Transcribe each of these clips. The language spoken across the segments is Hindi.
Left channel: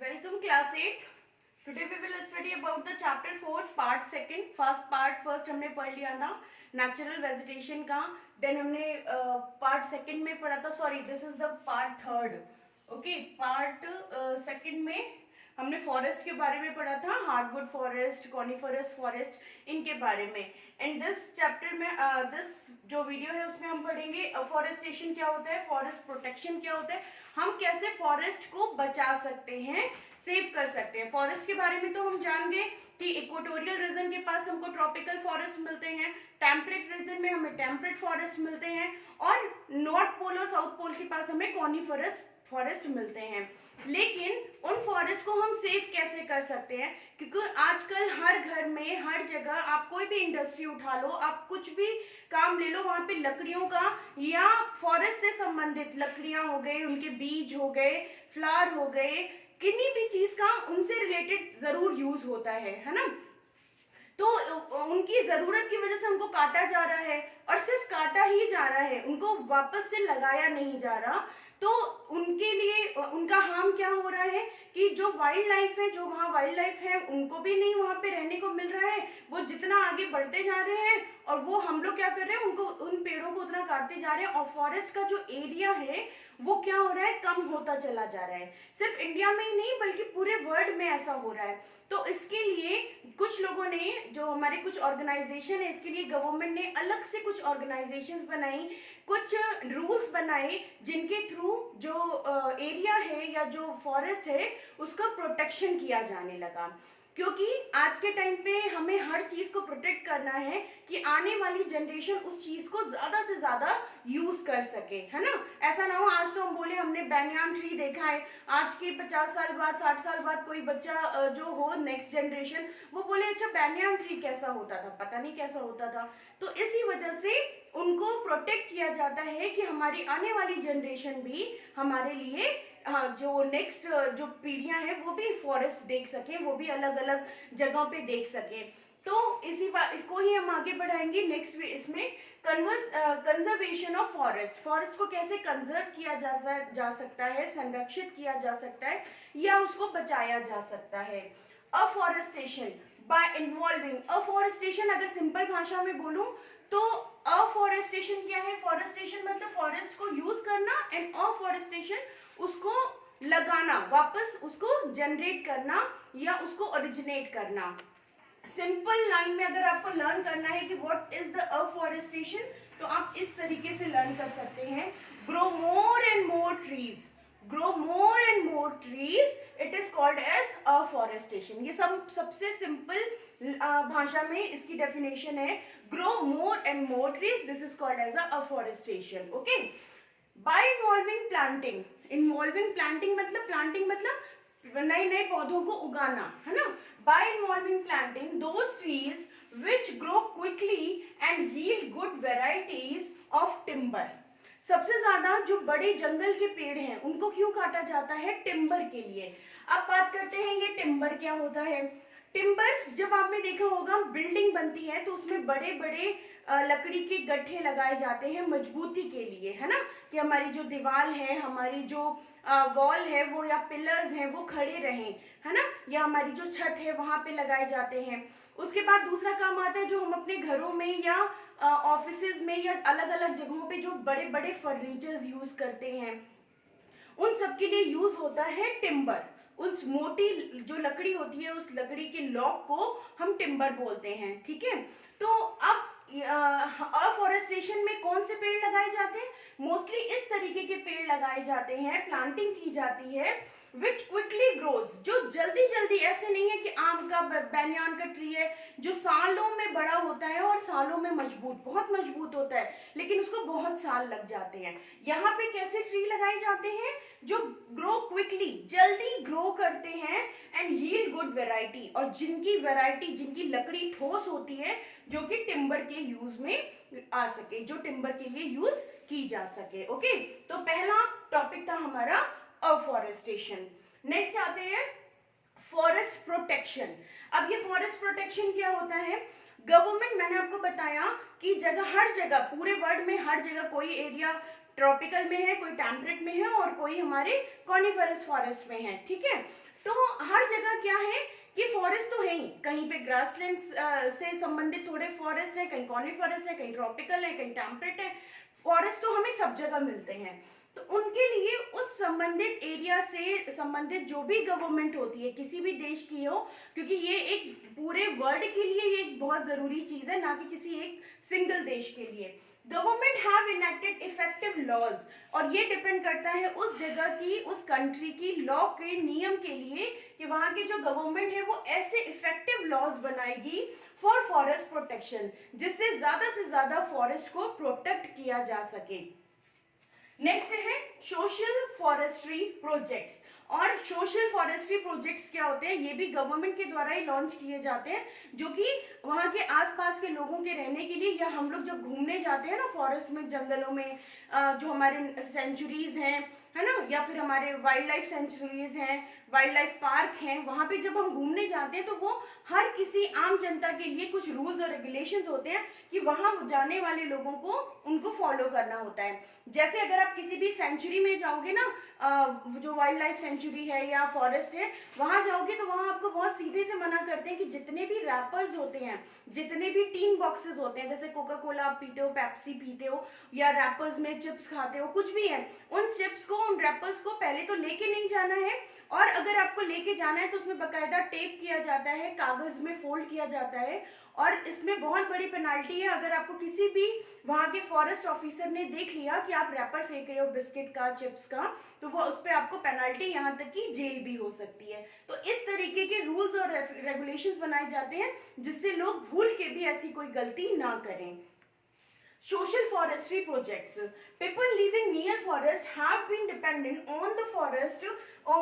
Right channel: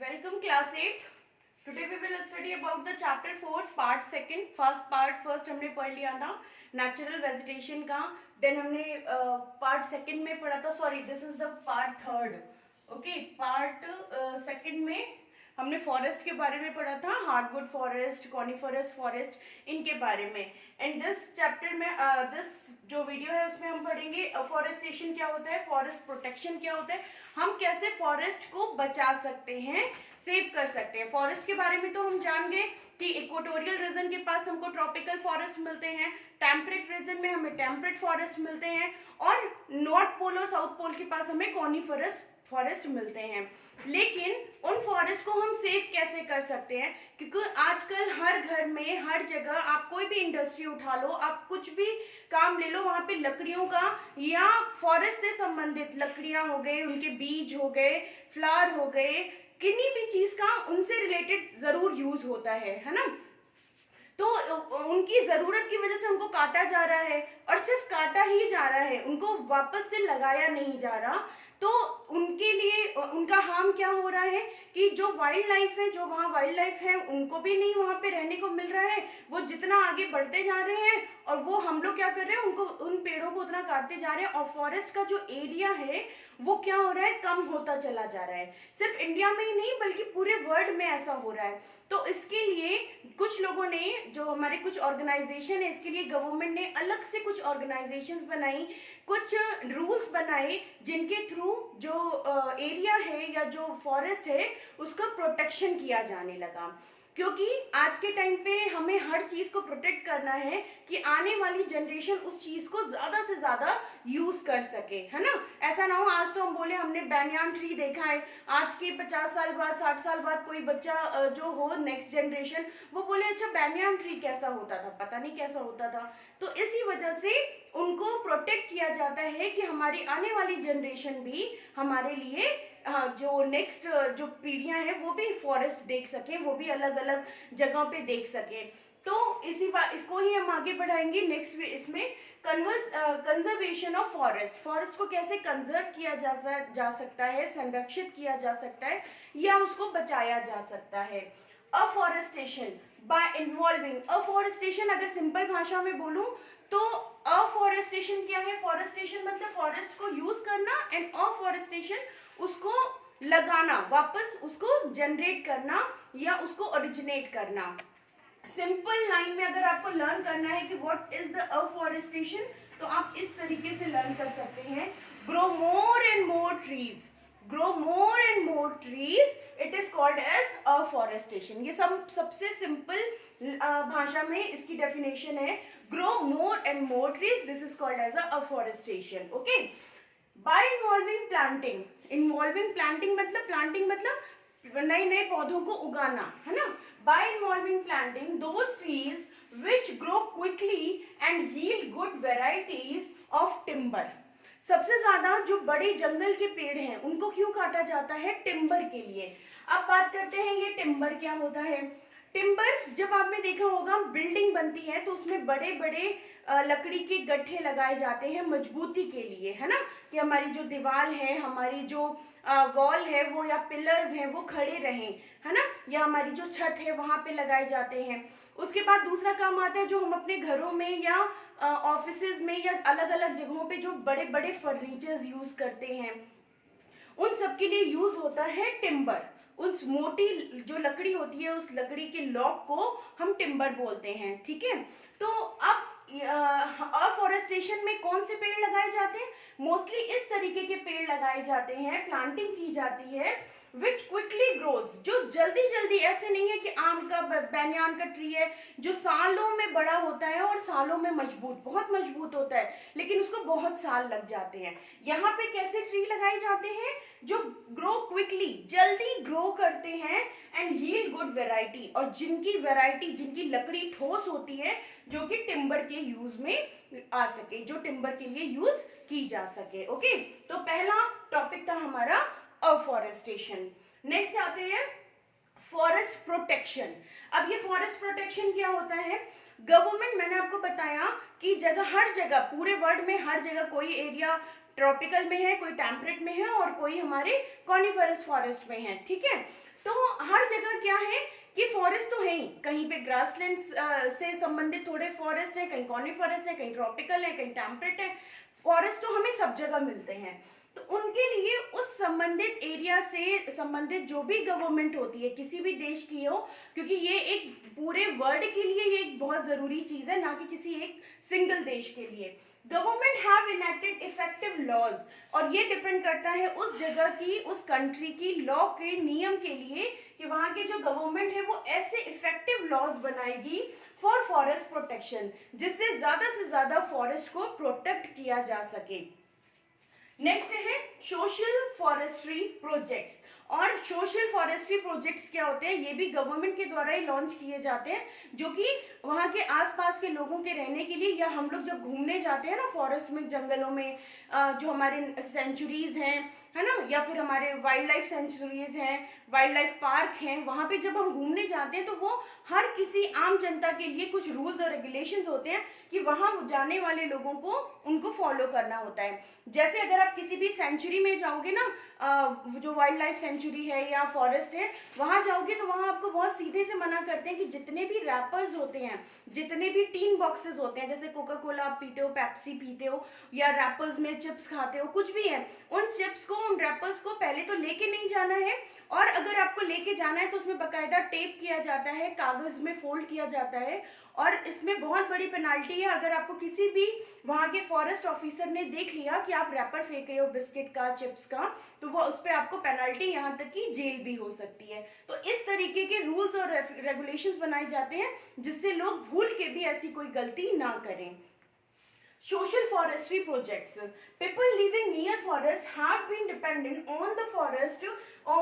Welcome class 8. Today we will study about the chapter 4 part 2. First हमने पढ़ लिया था नेचुरल वेजिटेशन का. देन हमने पार्ट सेकंड में पढ़ा था, sorry this is the part third. Okay, part second में हमने फॉरेस्ट के बारे में पढ़ा था, हार्डवुड फॉरेस्ट, कॉनिफरस फॉरेस्ट, इनके बारे में. एंड दिस चैप्टर में दिस जो वीडियो है उसमें हम पढ़ेंगे फॉरेस्टेशन क्या होता है, फॉरेस्ट प्रोटेक्शन क्या होता है, हम कैसे फॉरेस्ट को बचा सकते हैं, सेव कर सकते हैं. फॉरेस्ट के बारे में तो हम जान गए कि इक्वेटोरियल रीजन के पास हमको ट्रॉपिकल फॉरेस्ट मिलते हैं, टेम्परेट रीजन में हमें टेम्परेट फॉरेस्ट मिलते हैं, और नॉर्थ पोल और साउथ पोल के पास हमें कॉनिफरस फॉरेस्ट मिलते हैं. लेकिन उन फॉरेस्ट को हम सेव कैसे कर सकते हैं, क्योंकि आजकल हर घर में, हर जगह आप कोई भी इंडस्ट्री उठा लो, आप कुछ भी काम ले लो, वहां पे लकड़ियों का या फॉरेस्ट से संबंधित लकड़ियां हो गए, उनके बीज हो गए, फ्लावर हो गए, किन्हीं भी चीज का उनसे रिलेटेड जरूर यूज होता है ना. तो उनकी जरूरत की वजह से उनको काटा जा रहा है, और सिर्फ काटा ही जा रहा है, उनको वापस से लगाया नहीं जा रहा. तो उनके लिए उनका हार्म क्या हो रहा है कि जो वाइल्ड लाइफ है, जो वहाँ वाइल्ड लाइफ है, उनको भी नहीं वहाँ पे रहने को मिल रहा है. वो जितना आगे बढ़ते जा रहे हैं और वो हम लोग क्या कर रहे हैं, उनको उन पेड़ों को उतना काटते जा रहे हैं, और फॉरेस्ट का जो एरिया है वो क्या हो रहा है, कम होता चला जा रहा है. सिर्फ इंडिया में ही नहीं बल्कि पूरे वर्ल्ड में ऐसा हो रहा है. तो इसके लिए कुछ लोगों ने, जो हमारे कुछ ऑर्गेनाइजेशन है, इसके लिए गवर्नमेंट ने अलग से कुछ ऑर्गेनाइजेशंस बनाई, कुछ रूल्स बनाए, जिनके थ्रू जो एरिया है या जो फॉरेस्ट है उसका प्रोटेक्शन किया जाने लगा. क्योंकि आज के टाइम पे हमें हर चीज को प्रोटेक्ट करना है कि आने वाली जनरेशन उस चीज को ज्यादा से ज्यादा यूज कर सके, है ना. ऐसा ना हो आज तो हम बोले हमने बैनियान ट्री देखा है, आज के 50 साल बाद, 60 साल बाद कोई बच्चा जो हो, नेक्स्ट जनरेशन, वो बोले अच्छा बैनियान ट्री कैसा होता था, पता नहीं कैसा होता था. तो इसी वजह से उनको प्रोटेक्ट किया जाता है कि हमारी आने वाली जनरेशन भी हमारे लिए, जो नेक्स्ट जो पीढ़ियां हैं वो भी फॉरेस्ट देख सके, वो भी अलग अलग जगहों पे देख सके. तो इसी बात, इसको ही हम आगे बढ़ाएंगे नेक्स्ट इसमें. कंजर्वेशन ऑफ फॉरेस्ट, फॉरेस्ट को कैसे कंजर्व किया जा सकता है, संरक्षित किया जा सकता है, या उसको बचाया जा सकता है. अफॉरेस्टेशन बाय इन्वॉल्विंग, अफॉरेस्टेशन अगर सिंपल भाषा में बोलूं तो अफॉरेस्टेशन क्या है, फॉरेस्टेशन मतलब फॉरेस्ट को यूज करना, एंड अफॉरेस्टेशन उसको लगाना, वापस उसको जनरेट करना या उसको ओरिजिनेट करना. सिंपल लाइन में अगर आपको लर्न करना है कि व्हाट इज द अफॉरेस्टेशन, तो आप इस तरीके से लर्न कर सकते हैं. Grow more and more trees, grow more and more trees, it is called as afforestation. ये सबसे सिंपल भाषा में इसकी डेफिनेशन है. Grow more and more trees, this is called as afforestation. Okay, by involving planting, involving planting मतलब नए नए पौधों को उगाना, है ना. By involving planting those trees which grow quickly and yield good varieties of timber. सबसे ज्यादा जो बड़े जंगल के पेड़ हैं उनको क्यों काटा जाता है, टिम्बर के लिए. अब बात करते हैं ये टिम्बर क्या होता है. टिम्बर, जब आपने देखा होगा बिल्डिंग बनती है तो उसमें बड़े बड़े लकड़ी के गट्ठे लगाए जाते हैं मजबूती के लिए, है ना, कि हमारी जो दीवार है, हमारी जो वॉल है वो, या पिलर्स हैं वो खड़े रहें, है ना, या हमारी जो छत है वहां पे लगाए जाते हैं. उसके बाद दूसरा काम आता है जो हम अपने घरों में या ऑफिसेज में या अलग अलग जगहों पे जो बड़े बड़े फर्नीचर्स यूज करते हैं, उन सब के लिए यूज होता है टिम्बर. उस मोटी जो लकड़ी होती है, उस लकड़ी के लॉक को हम टिम्बर बोलते हैं. ठीक है, तो अब अफॉरेस्टेशन में कौन से पेड़ लगाए जाते हैं, मोस्टली इस तरीके के पेड़ लगाए जाते हैं, प्लांटिंग की जाती है, विच क्विकली ग्रोज, जो जल्दी जल्दी, ऐसे नहीं है कि आम का, बैनियान का ट्री है जो सालों में बड़ा होता है और सालों में मजबूत, बहुत मजबूत होता है, लेकिन उसको बहुत साल लग जाते हैं. यहाँ पे कैसे ट्री लगाए जाते हैं, जो ग्रो क्विकली, जल्दी ग्रो करते हैं, एंड यील्ड गुड वेराइटी, और जिनकी वेराइटी, जिनकी लकड़ी ठोस होती है, जो कि टिम्बर के यूज में आ सके, जो टिम्बर के लिए यूज की जा सके. ओके, तो पहला टॉपिक था हमारा अफॉरेस्टेशन. नेक्स्ट आते हैं फॉरेस्ट प्रोटेक्शन. अब ये फॉरेस्ट प्रोटेक्शन क्या होता है, गवर्नमेंट, मैंने आपको बताया कि हर जगह पूरे वर्ल्ड में हर जगह, कोई एरिया ट्रॉपिकल में है, कोई टेम्परेट में है, और कोई हमारे कॉनिफरस फॉरेस्ट में है. ठीक है, तो हर जगह क्या है कि फॉरेस्ट तो है ही, कहीं पे ग्रासलैंड से संबंधित थोड़े फॉरेस्ट है, कहीं कॉनिफरस है, कहीं ट्रॉपिकल है, कहीं टेम्परेट है। फॉरेस्ट तो हमें सब जगह मिलते हैं। तो उनके लिए उस संबंधित एरिया से संबंधित जो भी गवर्नमेंट होती है किसी भी देश की हो, क्योंकि ये एक पूरे वर्ल्ड के लिए ये एक बहुत जरूरी चीज है, ना कि किसी एक सिंगल देश के लिए। Government have enacted effective laws, और ये डिपेंड करता है उस जगह की, उस कंट्री की लॉ के नियम के लिए कि वहां की जो गवर्नमेंट है वो ऐसे इफेक्टिव लॉज बनाएगी फॉर फॉरेस्ट प्रोटेक्शन, जिससे ज्यादा से ज्यादा फॉरेस्ट को प्रोटेक्ट किया जा सके। नेक्स्ट है सोशल फॉरेस्ट्री प्रोजेक्ट्स। और सोशल फॉरेस्ट्री प्रोजेक्ट्स क्या होते हैं, ये भी गवर्नमेंट के द्वारा ही लॉन्च किए जाते हैं, जो कि वहाँ के आसपास के लोगों के रहने के लिए, या हम लोग जब घूमने जाते हैं ना फॉरेस्ट में, जंगलों में, जो हमारे सेंचुरीज हैं, है ना, या फिर हमारे वाइल्ड लाइफ सेंचुरीज हैं, वाइल्ड लाइफ पार्क हैं, वहाँ पे जब हम घूमने जाते हैं तो वो हर किसी आम जनता के लिए कुछ रूल्स और रेगुलेशंस होते हैं कि वहाँ जाने वाले लोगों को उनको फॉलो करना होता है। जैसे अगर आप किसी भी सेंचुरी में जाओगे ना, जो वाइल्ड लाइफ सेंचुरी है या फॉरेस्ट है, वहां जाओगे तो वहां आपको बहुत सीधे से मना करते हैं कि जितने भी रैपर्स होते हैं, जितने भी टीन बॉक्सेस होते हैं, जैसे कोका कोला आप पीते हो, पेप्सी पीते हो, या रैपर्स में चिप्स खाते हो, कुछ भी है, उन चिप्स को, उन रैपर्स को पहले तो लेके नहीं जाना है, और अगर आपको लेके जाना है तो उसमें बकायदा टेप किया जाता है, कागज में फोल्ड किया जाता है, और इसमें बहुत बड़ी पेनाल्टी है। अगर आपको किसी भी वहां के फॉरेस्ट ऑफिसर ने देख लिया कि आप रैपर फेंक रहे हो बिस्किट का, चिप्स का, तो वो उस पर आपको पेनल्टी, यहाँ तक कि जेल भी हो सकती है। तो इस तरीके के रूल्स और रेगुलेशंस बनाए जाते हैं जिससे लोग भूल के भी ऐसी कोई गलती ना करें। Social forestry projects. People living near forest have been dependent on the forest for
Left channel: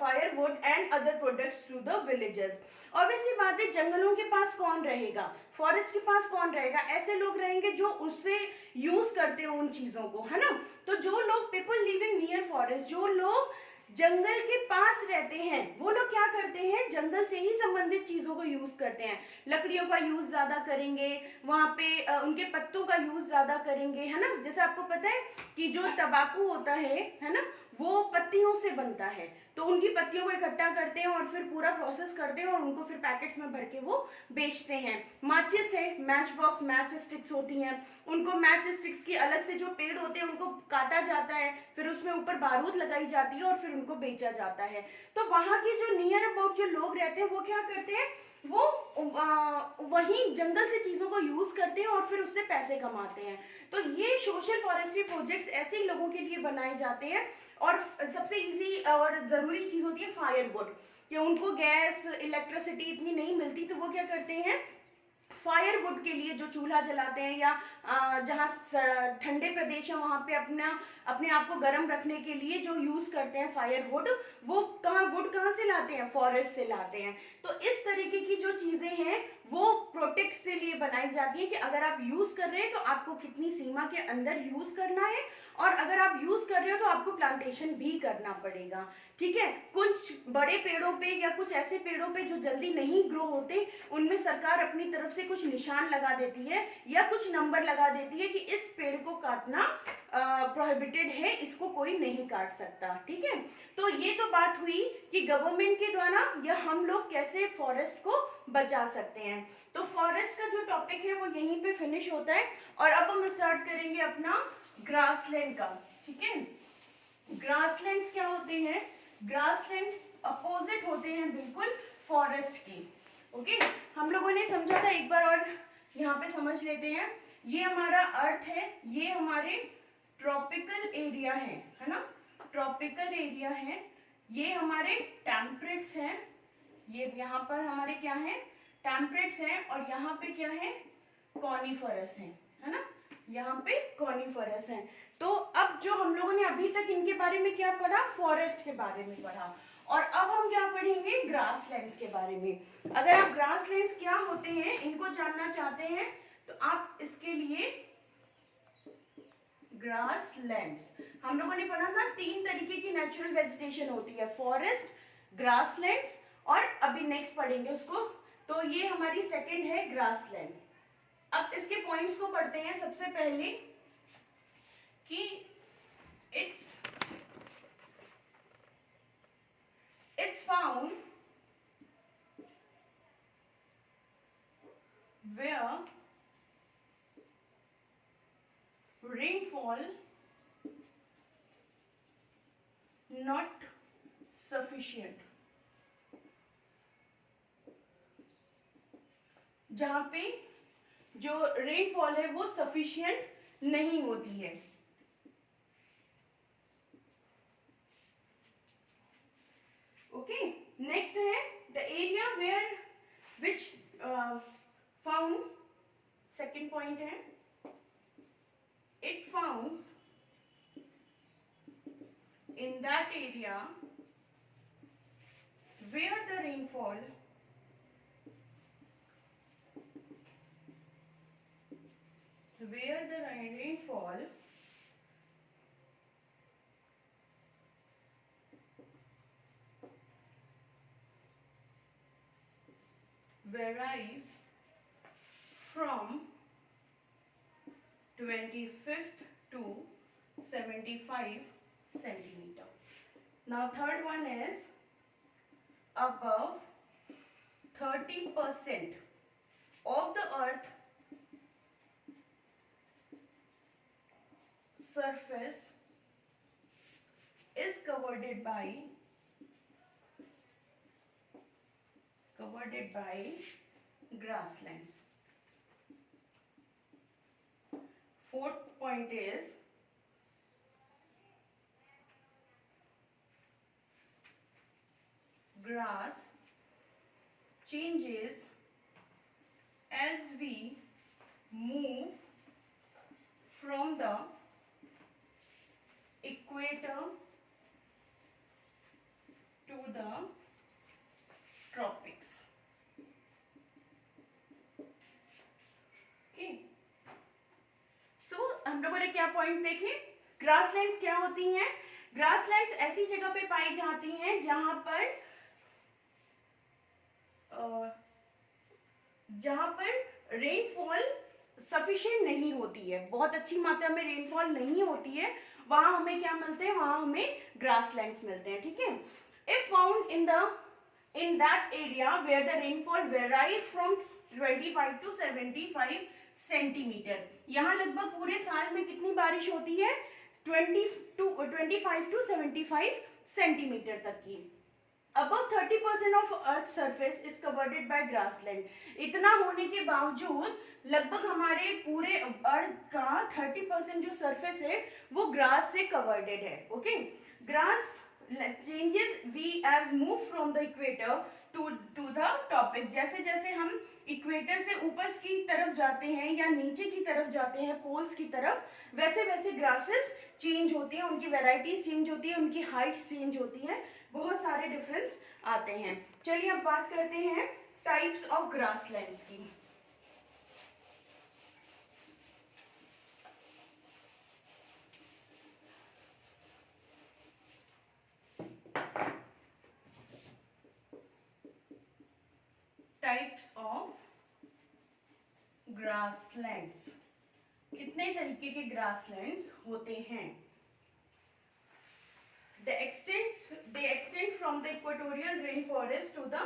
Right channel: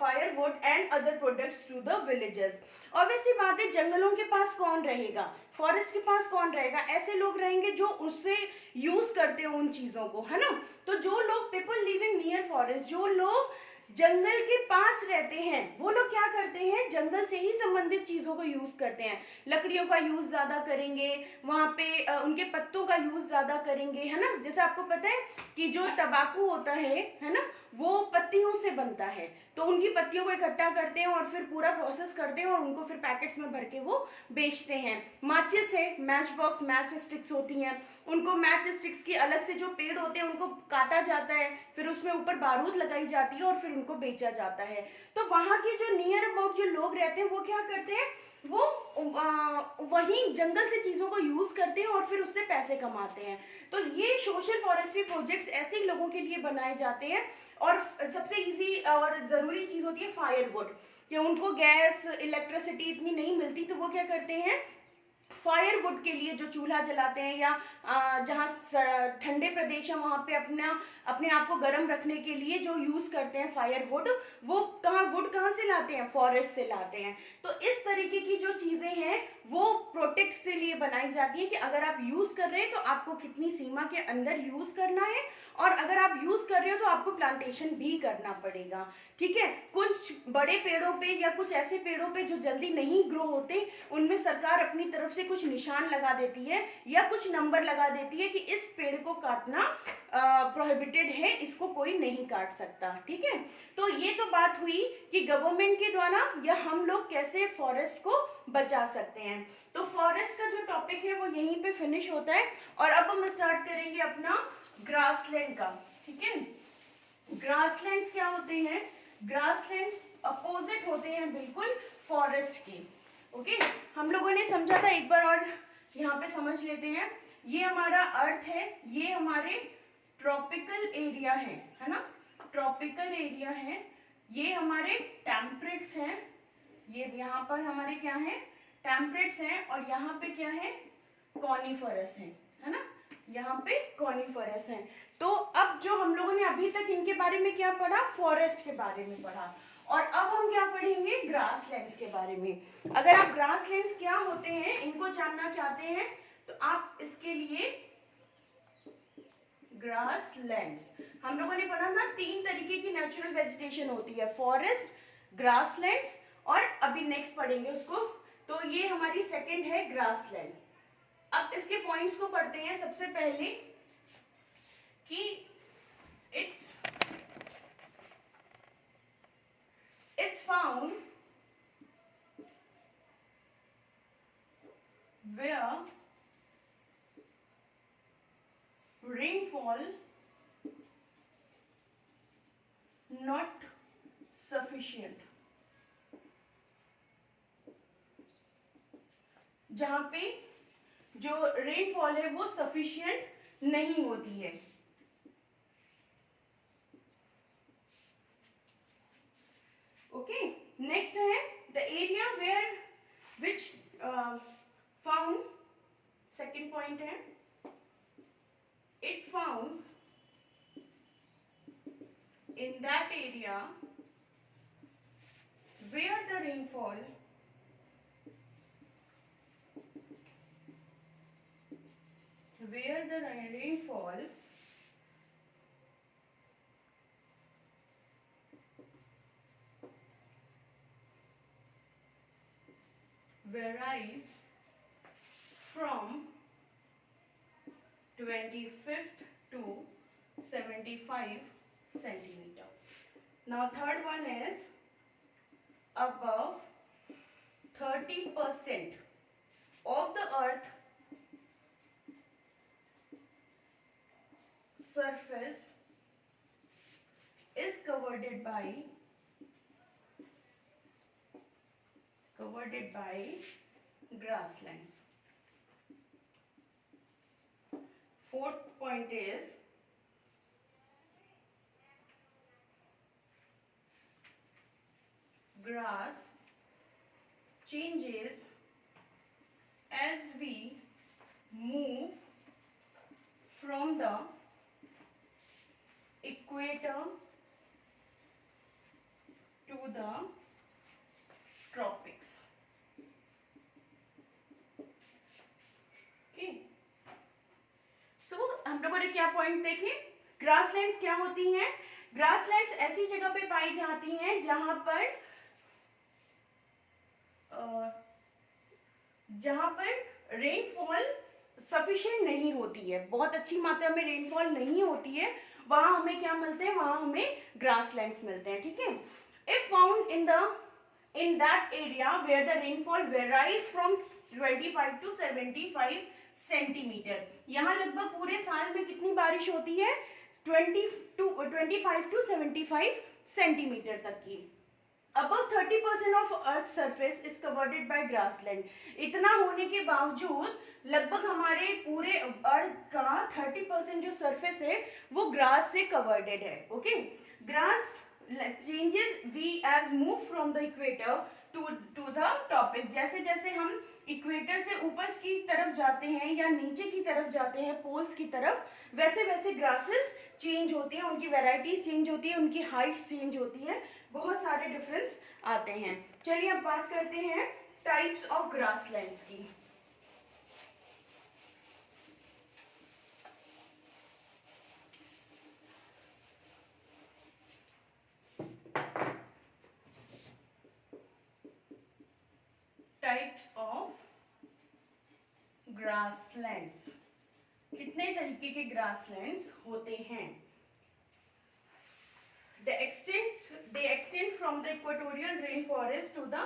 firewood and other products to the villages. और वैसी बात है, जंगलों के पास कौन रहेगा, फॉरेस्ट के पास कौन रहेगा, ऐसे लोग रहेंगे जो उससे यूज करते हो उन चीजों को, है ना। तो जो लोग पीपल लिविंग नियर फॉरेस्ट, जो लोग जंगल के पास रहते हैं, वो लोग क्या करते हैं, जंगल से ही संबंधित चीजों को यूज करते हैं, लकड़ियों का यूज ज्यादा करेंगे, वहां पे उनके पत्तों का यूज ज्यादा करेंगे, है ना। जैसे आपको पता है कि जो तंबाकू होता है ना, वो पत्तियों से बनता है, तो उनकी पत्तियों को इकट्ठा करते हैं और फिर पूरा प्रोसेस करते हैं और उनको फिर पैकेट्स में भर के वो बेचते हैं। माचिस है, मैच बॉक्स, मैच स्टिक्स होती हैं, उनको मैच स्टिक्स की अलग से जो पेड़ होते हैं उनको काटा जाता है, फिर उसमें ऊपर बारूद लगाई जाती है और फिर उनको बेचा जाता है। तो वहां के जो नियर अबाउट जो लोग रहते हैं वो क्या करते हैं, वो वही जंगल से चीजों को यूज करते हैं और फिर उससे पैसे कमाते हैं। तो ये सोशल फॉरेस्ट्री प्रोजेक्ट्स ऐसे ही लोगों के लिए बनाए जाते हैं। और सबसे इजी और जरूरी चीज होती है फायरवुड, कि उनको गैस, इलेक्ट्रिसिटी इतनी नहीं मिलती, तो वो क्या करते हैं, फायरवुड के लिए जो चूल्हा जलाते हैं, या जहाँ ठंडे प्रदेश है वहां पे अपने आप को गर्म रखने के लिए जो यूज करते हैं फायरवुड, वो वुड कहाँ से लाते हैं, फॉरेस्ट से लाते हैं। तो इस तरीके की जो चीजें हैं वो प्रोटेक्ट के लिए बनाई जाती है कि अगर आप यूज कर रहे हैं तो आपको कितनी सीमा के अंदर यूज करना है, और अगर आप यूज कर रहे हो तो आपको प्लांटेशन भी करना पड़ेगा। ठीक है, कुछ बड़े पेड़ों पे या कुछ ऐसे पेड़ों पे जो जल्दी नहीं ग्रो होते, उनमें सरकार अपनी तरफ से कुछ निशान लगा देती है या कुछ नंबर लगा देती है कि इस पेड़ को काटना प्रोहिबिटेड है, इसको कोई नहीं काट सकता। ठीक है, तो ये तो बात हुई कि गवर्नमेंट के द्वारा या हम लोग कैसे फॉरेस्ट को बचा सकते हैं। तो फॉरेस्ट का जो टॉपिक है वो यहीं पे फिनिश होता है, और अब हम स्टार्ट करेंगे अपना ग्रासलैंड का। ठीक है, ग्रासलैंड्स क्या होते हैं, ग्रासलैंड्स अपोजिट होते हैं बिल्कुल फॉरेस्ट के। ओके, हम लोगों ने समझा था, एक बार और यहाँ पे समझ लेते हैं। ये हमारा अर्थ है, ये हमारे ट्रॉपिकल एरिया है ना, ट्रॉपिकल एरिया है, ये हमारे टेम्परेट्स हैं, ये यहाँ पर हमारे क्या है, टेम्परेट्स हैं, और यहाँ पे क्या है, कॉनिफरस है ना, यहाँ पे कॉनिफरस है। तो अब जो हम लोगों ने अभी तक इनके बारे में क्या पढ़ा, फॉरेस्ट के बारे में पढ़ा, और अब हम क्या पढ़ेंगे, ग्रासलैंड्स के बारे में। अगर आप ग्रासलैंड्स क्या होते हैं इनको जानना चाहते हैं तो आप इसके लिए ग्रासलैंड्स, हम लोगों ने पढ़ा था 3 तरीके की नेचुरल वेजिटेशन होती है, फॉरेस्ट, ग्रासलैंड्स, और अभी नेक्स्ट पढ़ेंगे उसको। तो ये हमारी सेकंड है ग्रासलैंड। अब इसके पॉइंट्स को पढ़ते हैं। सबसे पहले कि it's found rainfall not sufficient, जहां पे जो रेनफॉल है वो सफिशिएंट नहीं होती है। ओके, नेक्स्ट है the area where which found, second point है it founds in that area where the rainfall varies from 25th to 75 centimeter. Now third one is above 30% of the earth surface is covered by grasslands. Fourth point is grass changes as we move from the equator to the tropics. Okay. So हम लोगों ने क्या पॉइंट देखे? ग्रासलैंड्स क्या होती हैं? ग्रासलैंड्स ऐसी जगह पे पाई जाती हैं जहां पर रेनफॉल सफिशिएंट नहीं होती है, बहुत अच्छी मात्रा में रेनफॉल नहीं होती है, वहां हमें क्या मिलते हैं? वहां हमें ग्रासलैंड्स मिलते हैं। ठीक है, if found in that area where the rainfall varies from 25 to 75 centimetre, यहाँ लगभग पूरे साल में कितनी बारिश होती है? 25 to 75 सेंटीमीटर तक की। Above 30% of earth surface is covered by grassland, इतना होने के बावजूद लगभग हमारे पूरे अर्थ का 30% जो सरफेस है वो ग्रास से कवर्डेड है। Okay, grass changes we as move from the equator to the tropics, जैसे जैसे हम इक्वेटर से ऊपर की तरफ जाते हैं या नीचे की तरफ जाते हैं पोल्स की तरफ, वैसे वैसे ग्रासेस चेंज होती हैं, उनकी वैरायटीज चेंज होती है, उनकी हाइट्स चेंज होती हैं, बहुत सारे डिफरेंस आते हैं। चलिए अब बात करते हैं टाइप्स ऑफ ग्रासलैंड्स की। टाइप्स ऑफ ग्रासलैंड्स, कितने तरीके के ग्रासलैंड्स होते हैं? They extend from the equatorial rainforest to the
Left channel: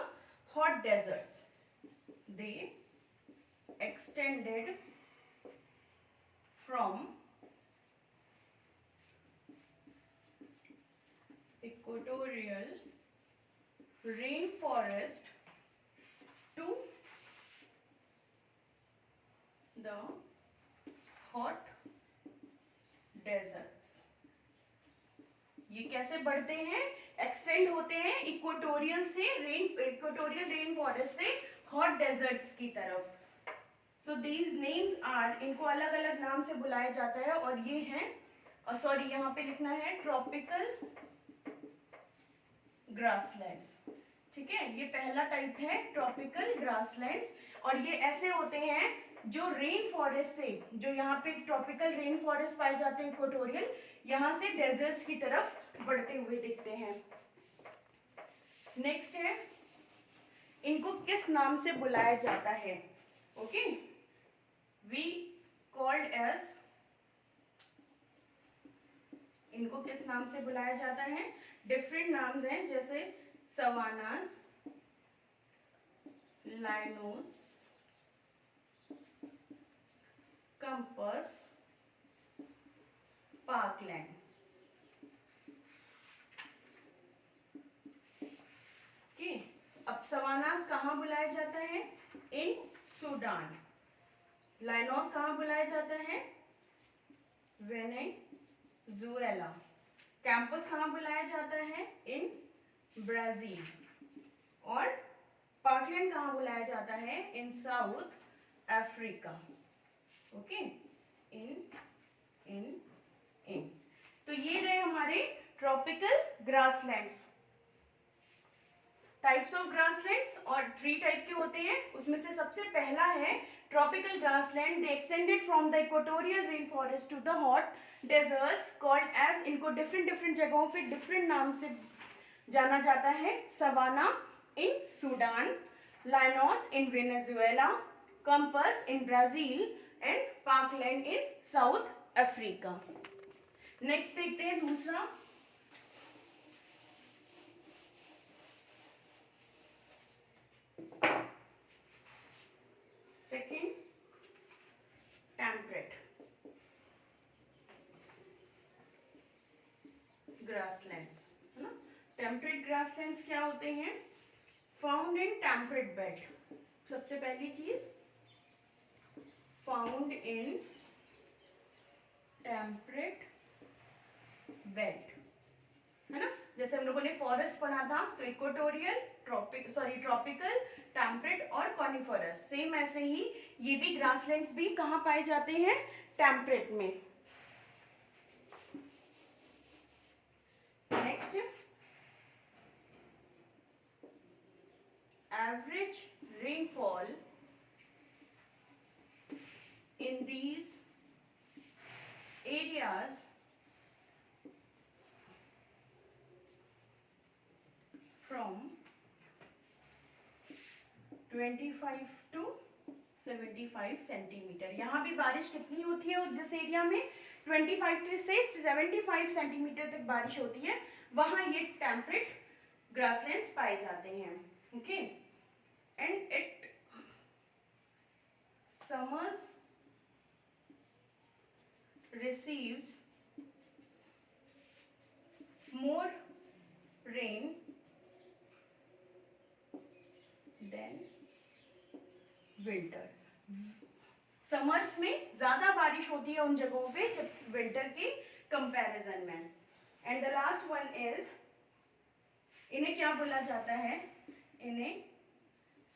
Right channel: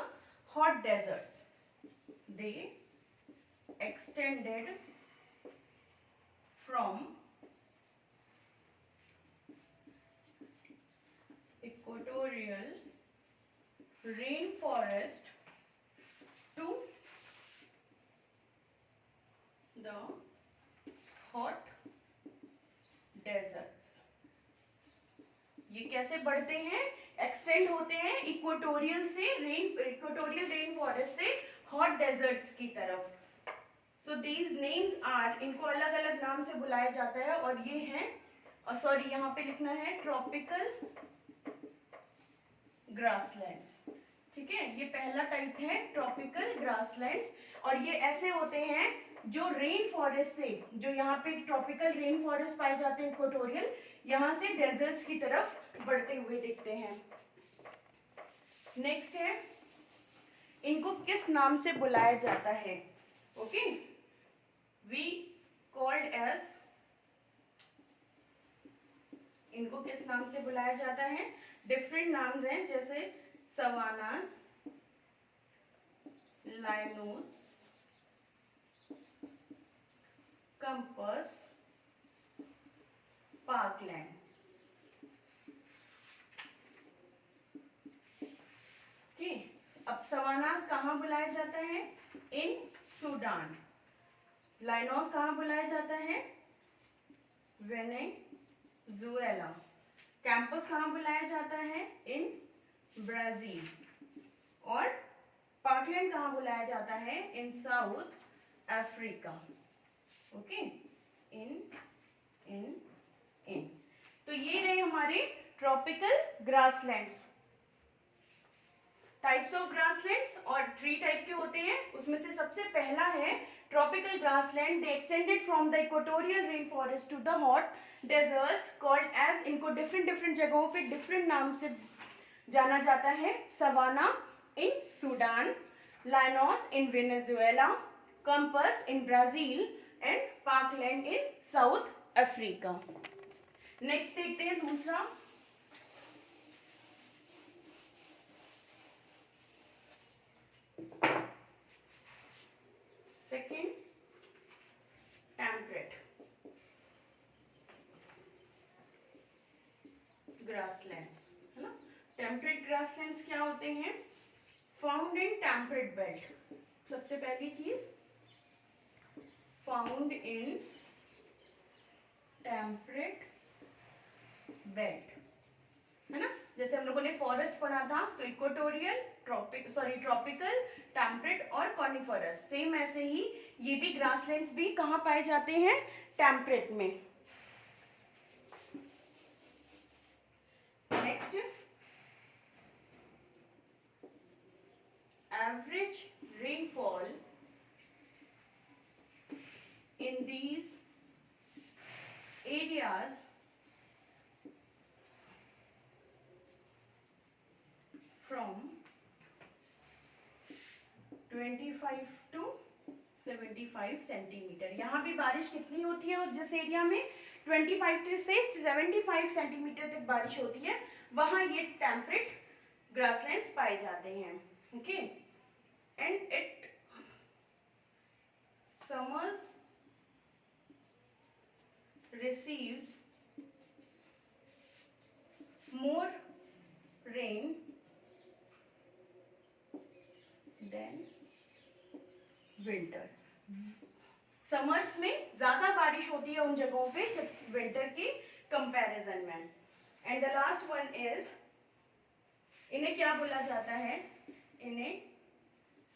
hot deserts. They extended from equatorial rainforest to the hot deserts. ये कैसे बढ़ते हैं? एक्सटेंड होते हैं इक्वेटोरियल रेन फॉरेस्ट से हॉट डेजर्ट्स की तरफ। सो दीज नेम्स आर, इनको अलग अलग नाम से बुलाया जाता है, और ये हैं, सॉरी यहाँ पे लिखना है ट्रॉपिकल ग्रासलैंड्स। ठीक है, ये पहला टाइप है ट्रॉपिकल ग्रासलैंड्स, और ये ऐसे होते हैं जो रेन फॉरेस्ट से, जो यहाँ पे ट्रॉपिकल रेन फॉरेस्ट पाए जाते हैं इक्वेटोरियल, यहाँ से डेजर्ट्स की तरफ बढ़ते हुए दिखते हैं। नेक्स्ट है, इनको किस नाम से बुलाया जाता है? ओके, वी कॉल्ड एज, इनको किस नाम से बुलाया जाता है? डिफरेंट नाम्स हैं, जैसे सवानास, लाइनोस, कंपस, पार्कलैंड। ओके, अब सवानास कहाँ बुलाया जाता है? इन सूडान। लाइनोस कहाँ बुलाया जाता है? वेनेजुएला। कैंपस कहाँ बुलाया जाता है? In Brazil. और पार्कलैंड कहाँ बुलाया जाता है? इन साउथ अफ्रीका। ओके, इन तो ये रहे हमारे tropical grasslands. Types of grasslands और 3 टाइप के होते हैं, उसमें से सबसे पहला है tropical grassland. They extended from the equatorial rain forest to the hot deserts called as, इनको डिफरेंट जगहों पे डिफरेंट नाम से जाना जाता है। Savanna in Sudan, llanos in Venezuela, campos in Brazil and parkland in South Africa. Next देखते हैं दूसरा। सेकेंड, टेम्परेट ग्रासलैंड्स, है ना। टेम्परेट ग्रासलैंड्स क्या होते हैं? Found in temperate belt. सबसे पहली चीज, फाउंड इन टेम्परेट बेल्ट, है ना। जैसे हम लोगों ने फॉरेस्ट पढ़ा था, तो इक्वेटोरियल, ट्रॉपिकल, टेम्परेट और कॉनिफरस। सेम ऐसे ही ये भी ग्रासलैंड्स भी कहाँ पाए जाते हैं? टेम्परेट में। Next, average rainfall in these areas from 25 to 75 centimetre. यहाँ भी बारिश कितनी होती है? जिस एरिया में 25 से 75 सेंटीमीटर तक बारिश होती है, वहां ये टेम्परेट ग्रासलैंड्स पाए जाते हैं। Okay, and it summers receives more rain than winter। Summers में ज्यादा बारिश होती है उन जगहों पे जब विंटर के कंपैरिजन में। And the last one is, इन्हें क्या बोला जाता है? इन्हें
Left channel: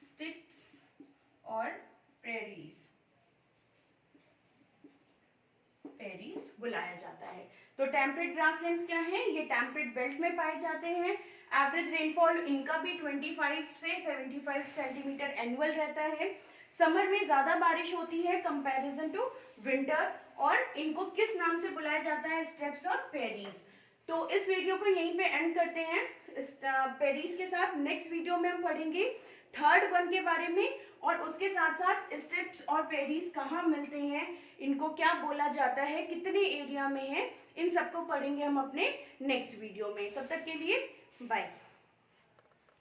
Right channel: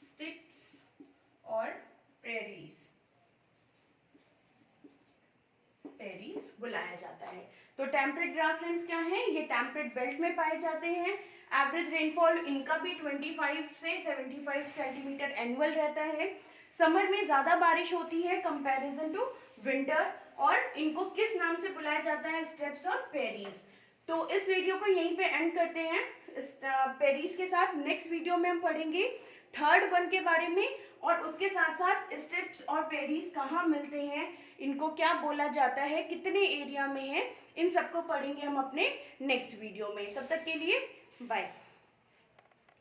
स्टिप्स और प्रेरीज बुलाया जाता है। तो टेम्परेट ग्रासलैंड्स क्या है? ये टेम्परेट बेल्ट में पाए जाते हैं। एवरेज रेनफॉल इनका भी 25 से 75 सेंटीमीटर एनुअल रहता है। समर में ज्यादा बारिश होती है कंपैरिजन टू विंटर, और इनको किस नाम से बुलाया जाता है? स्टेप्स और पेरीज। तो इस वीडियो को यहीं पे एंड करते हैं पेरीज के साथ। नेक्स्ट वीडियो में हम पढ़ेंगे थर्ड वन के बारे में, और उसके साथ साथ स्टेप्स और पेरीज कहाँ मिलते हैं, इनको क्या बोला जाता है, कितने एरिया में है, इन सबको पढ़ेंगे हम अपने नेक्स्ट वीडियो में। तब तक के लिए बाय।